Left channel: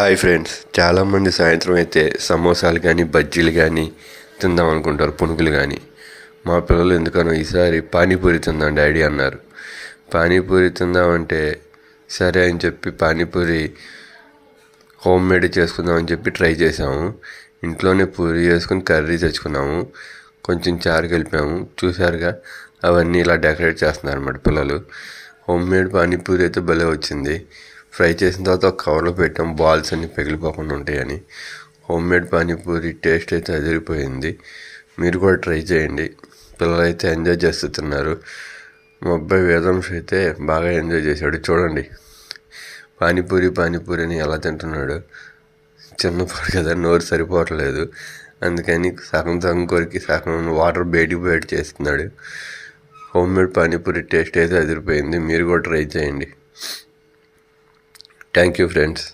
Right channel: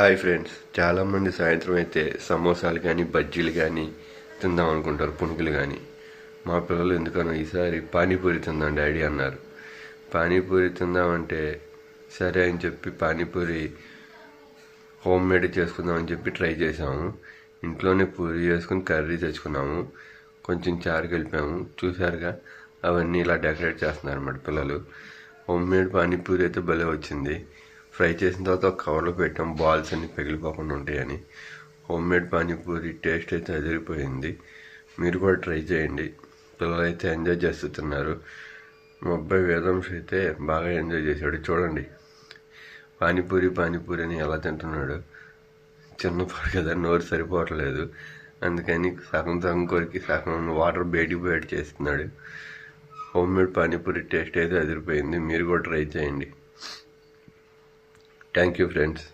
Hi friends, చాలామంది సాయంత్రం అయితే సమోసాలు కానీ బజ్జీలు కానీ తిందాం అనుకుంటారు, పునుగులు కానీ. మా పిల్లలు ఎందుకనో ఈసారి పానీపూరి తిందాం డాడీ అన్నారు. పానీపూరి తిందామంటే సరే అని చెప్పి పానీపూరి హోమ్ మేడ్ చేసుకుందామని చెప్పి ట్రై చేసాము. ఇంట్లోనే పూరి చేసుకుని కర్రీ తెచ్చుకున్నాము, కొంచెం చారు కలిపాము. చూసారుగా, అవన్నీ ఇలా డెకరేట్ చేస్తున్నారు అన్నమాట పిల్లలు. హోమ్ మేడ్ పానీపూరి అయితే భలే వచ్చింది. ఫ్రై చేసిన తర్వాత ఒక కవర్లో పెట్టాం, బాల్స్ అన్ని పగిలిపోకుండా ఉంటాయని. హోమ్ మేడ్ పానీపూరి టేస్ట్ అయితే అదిరిపోయింది. మీరు కూడా ట్రై చేయండి. పిల్లలు అయితే ఎంజాయ్ చేస్తూ తిన్నారు. మా అబ్బాయి వేదాంశ అయితే బాగా ఎంజాయ్ చేశాడు. చూడండి, పానీపూరి అని ఎలా తింటున్నాడు. చిన్నపాడు కదా, నోరు సరిపోవట్లేదు. అందుకని సగం సగం కొరికి సగం వాటర్ బయటికి చేస్తున్నాడు. హోమ్ మేడ్ పానీపూరి టేస్ట్ అయితే అదిరిపోయింది. మీరు కూడా ట్రై చేయండి. Thank you friends.